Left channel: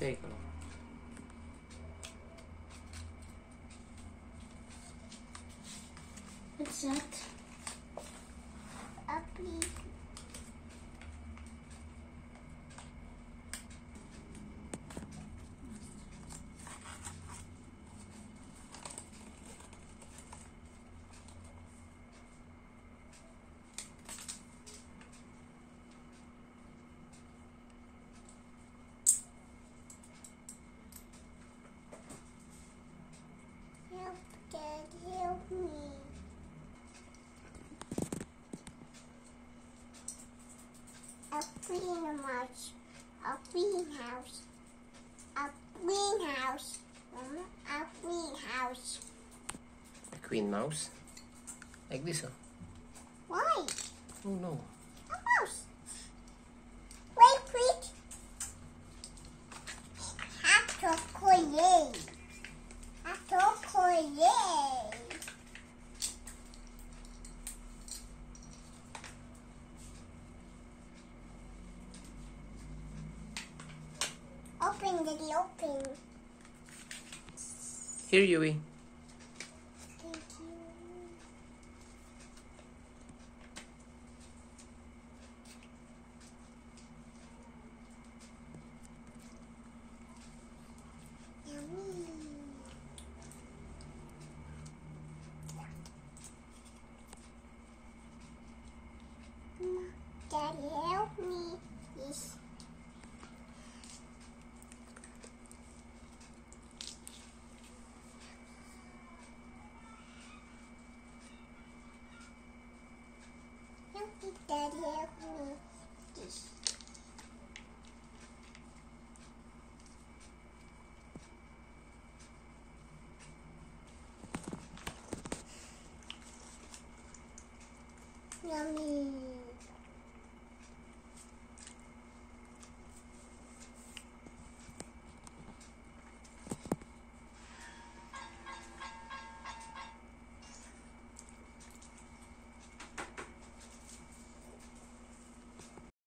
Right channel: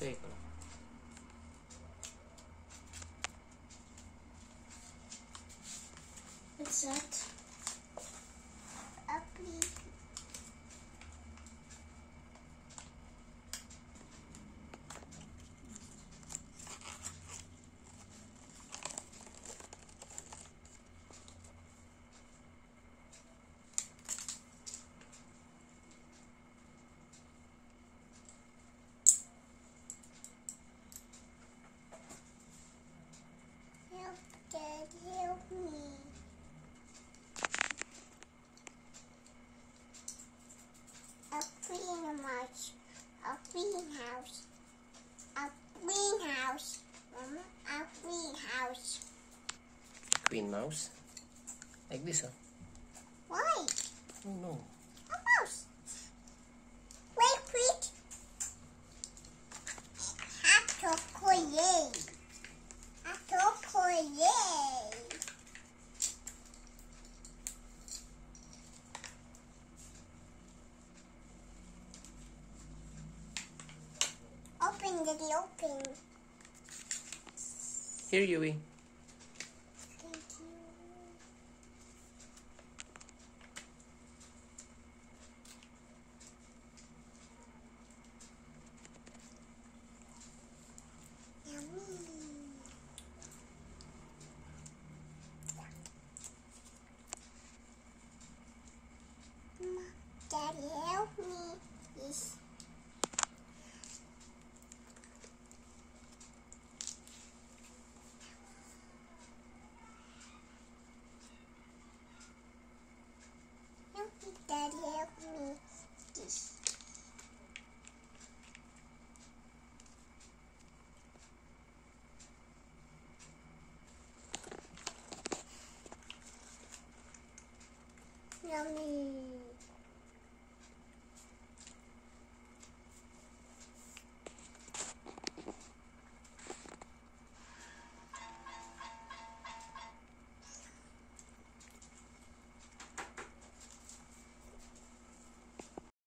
Teka lang. What's that? A pig. Help, Dad, help me. A greenhouse. A greenhouse. A greenhouse. Mama, a greenhouse. Queen mouse. Like this, oh. Why? Oh no. A mouse. Wait, wait. Hatokoye. Hatokoye. Open, Daddy, open. Here, Yui. Thank you. Yummy. Mama, Daddy, help me. Yes. Help me, Daddy, help me. This. Yummy.